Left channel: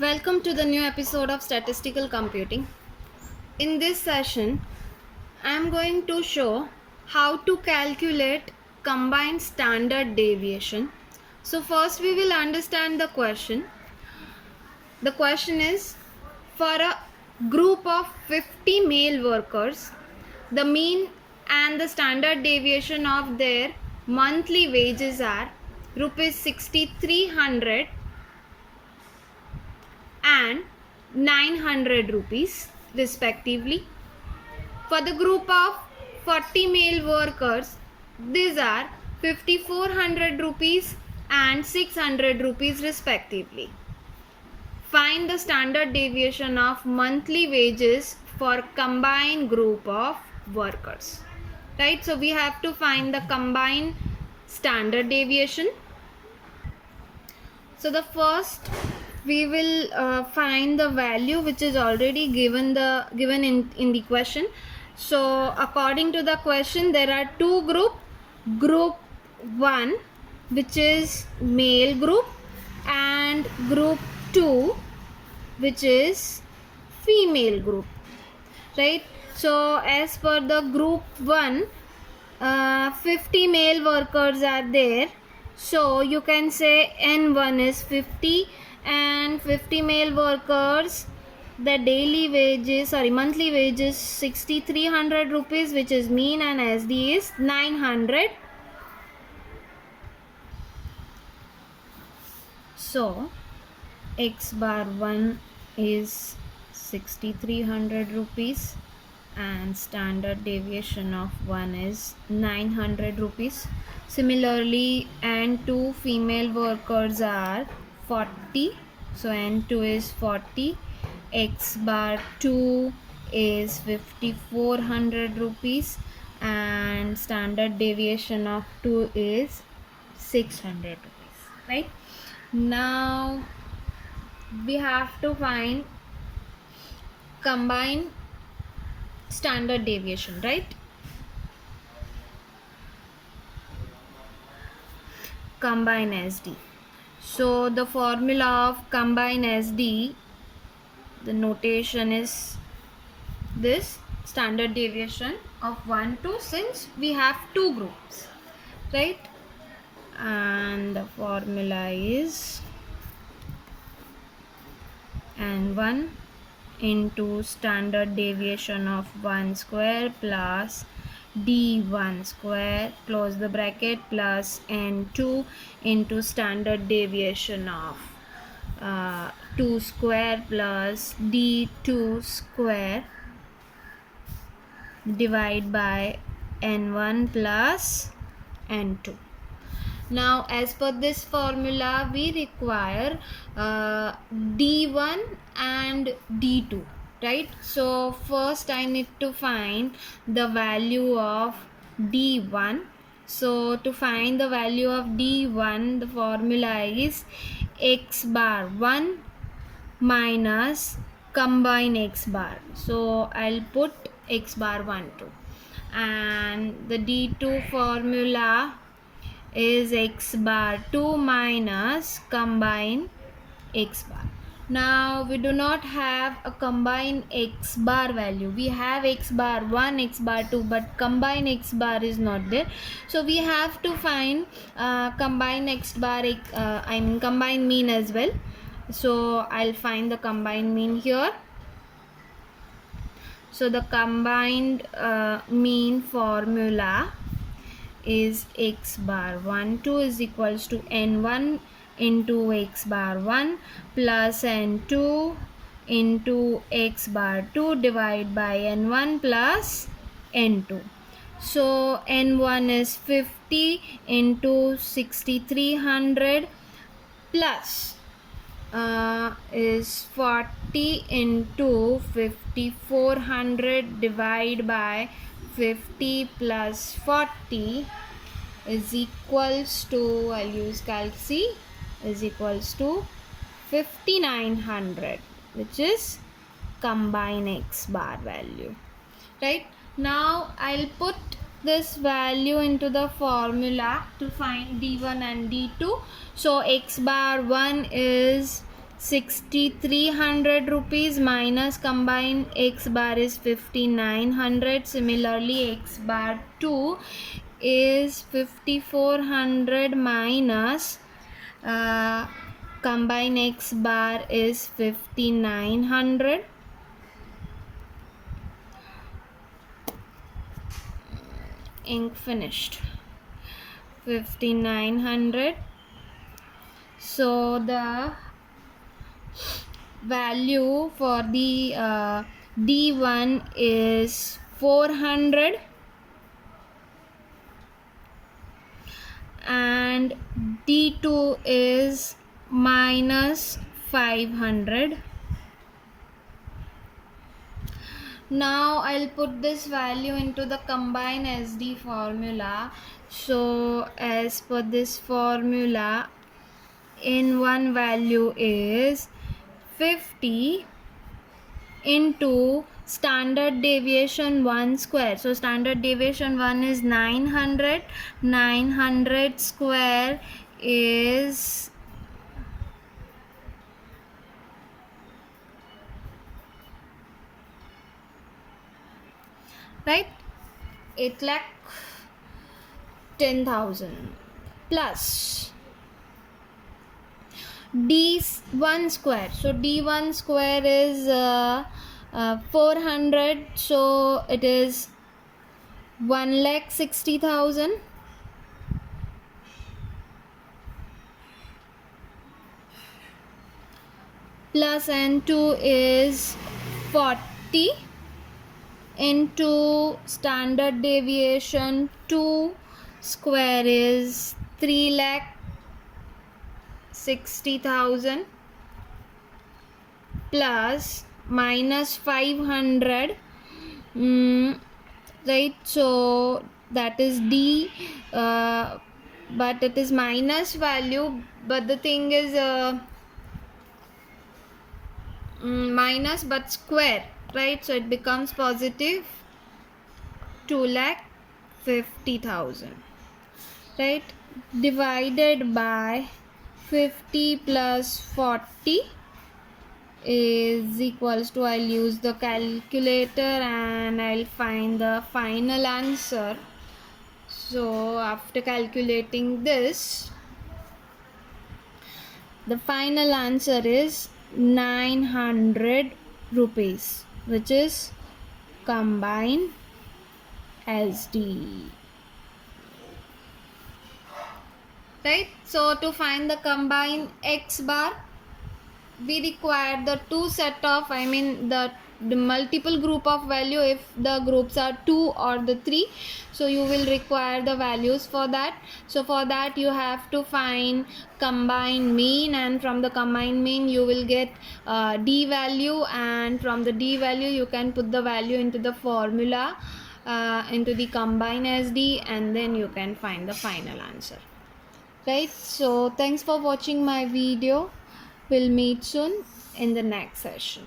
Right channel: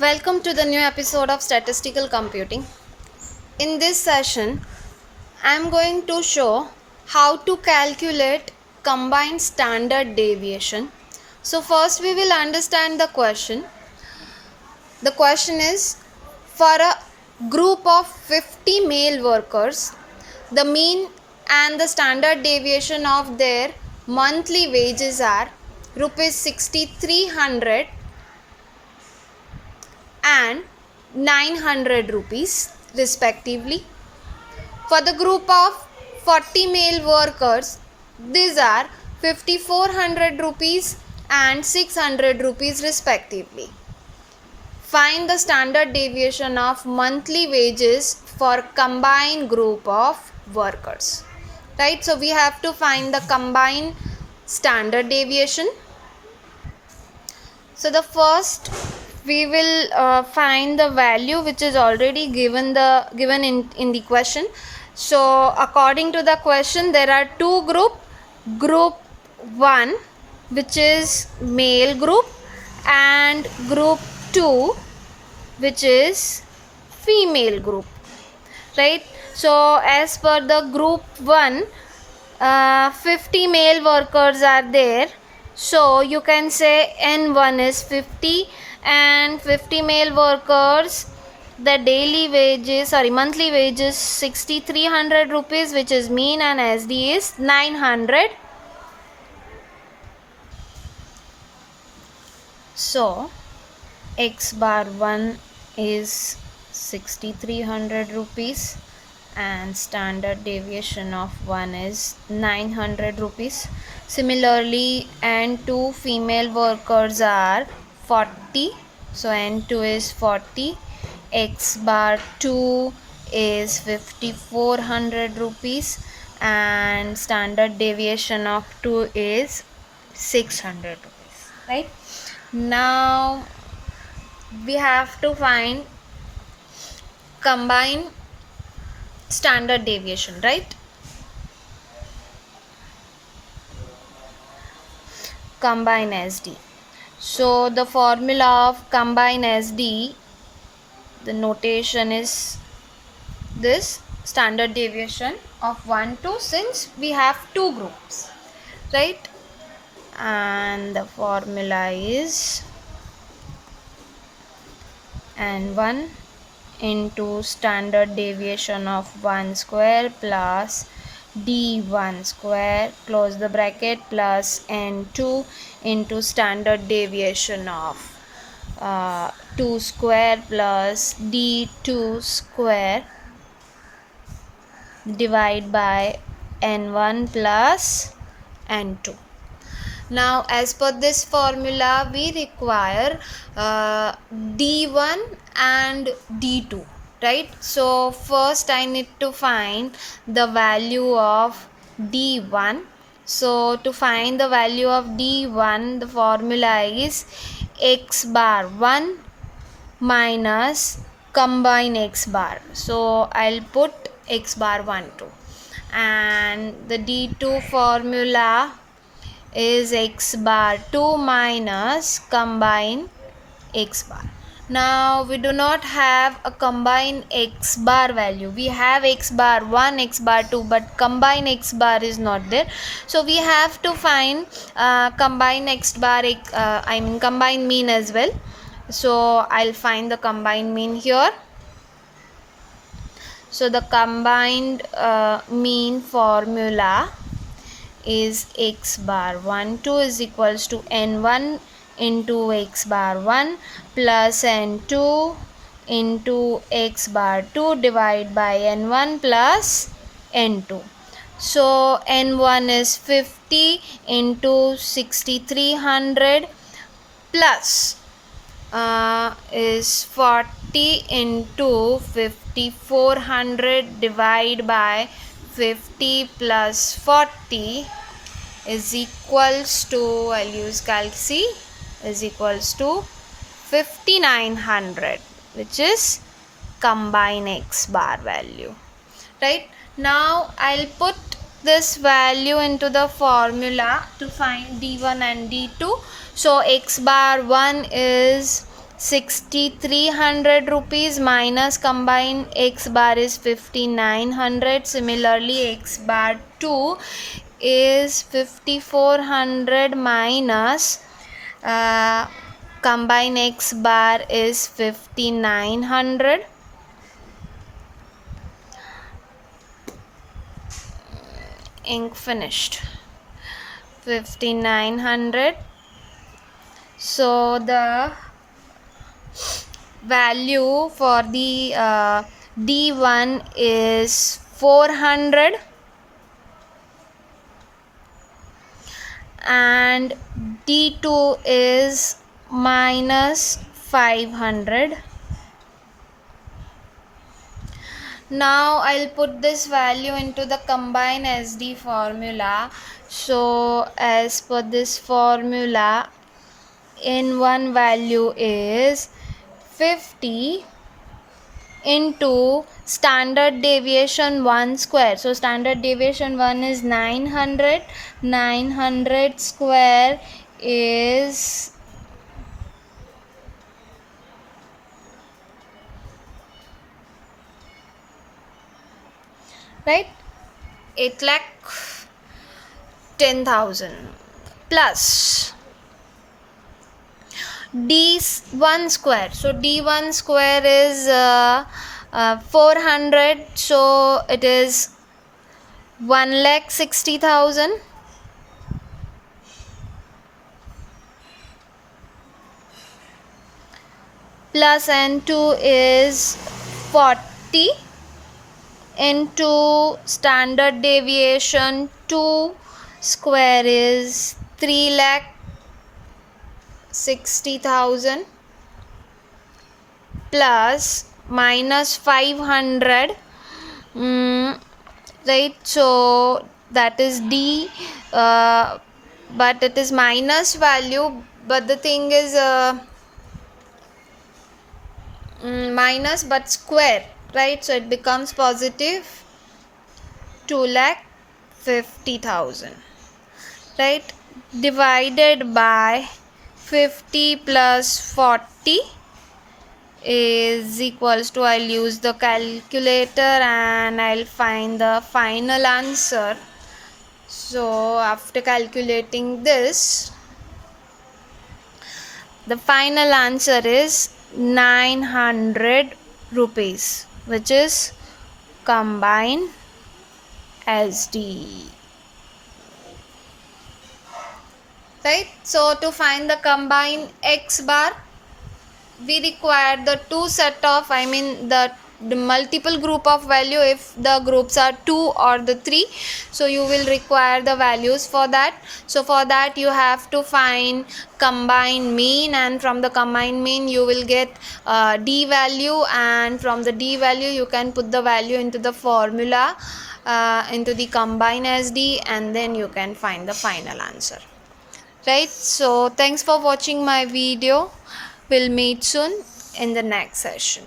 Welcome to the new episode of Statistical Computing. In this session, I am going to show how to calculate combined standard deviation. So first we will understand the question. The question is, for a group of 50 male workers, the mean and the standard deviation of their monthly wages are rupees 6300 and 900 rupees respectively. For the group of 40 male workers, these are 5400 rupees and 600 rupees respectively. Find the standard deviation of monthly wages for combined group of workers. Right, so we have to find the combined standard deviation. So the first we will find the value which is already given in the question. So according to the question, there are two group 1 which is male group and group 2 which is female group, right? So as per the group 1, 50 male workers are there, so you can say N1 is 50 and 50 male workers, the monthly wages 6300 rupees, which is mean, and SD is 900. So X bar 1 is 6300 rupees and standard deviation of 1 is 900 rupees. Similarly, N2 female workers are 40, so N2 is 40. X bar 2 is 5400 rupees and standard deviation of 2 is 600 rupees, right? Now we have to find combined standard deviation, right? Combine SD. So the formula of combine SD, the notation is this: standard deviation of 1 2, since we have two groups, right? And the formula is N1 into standard deviation of 1 square plus D1 square, close the bracket, plus N2 into standard deviation of 2 square plus D2 square, divide by N1 plus N2. Now as per this formula, we require D1 and D2, right? So first I need to find the value of D1. So to find the value of D1, the formula is X bar 1 minus combine X bar. So I'll put X bar 1 2, and the D2 formula is X bar 2 minus combine X bar. Now we do not have a combine X bar value. We have X bar 1, X bar 2, but combine X bar is not there. So we have to find combine X bar, combine mean as well. So I'll find the combined mean here. So the combined mean formula is X bar 1 2 is equals to N1 into X bar 1 plus N2 into X bar 2 divided by N1 plus N2. So N1 is 50 into 6300 plus is 40 into 5400 divided by 50 plus 40 is equals to, I'll use calc C, is equals to 5900, which is combine X bar value, right? Now I'll put this value into the formula to find D1 and D2. So X bar 1 is 6,300 rupees minus combined x bar is 5,900. Similarly, x bar 2 is 5,400 minus combined x bar is 5,900. Ink finished. 5,900. So the value for the D1 is 400 and D2 is minus 500. Now I'll put this value into the combined SD formula. So as per this formula, N1 value is 50 into standard deviation 1 square. So standard deviation 1 is 900. 900 square is right 8,10,000 plus D1 square. So D1 square is 400. So it is 1,60,000 plus N2 is 40 into standard deviation 2 square is 3,60,000 plus minus 500, right? So that is D, but it is minus value, but the thing is minus but square, right? So it becomes positive 2,50,000, right? Divided by 50 plus 40 is equals to, I'll use the calculator and I'll find the final answer. So after calculating this, the final answer is 900 rupees, which is combined SD. Right? So to find the combined X bar, we require the two set of, the multiple group of value if the groups are 2 or the 3. So you will require the values for that. So for that you have to find combined mean, and from the combined mean you will get D value, and from the D value you can put the value into the formula, into the combined SD, and then you can find the final answer. Right? So thanks for watching my video. We'll meet soon in the next session.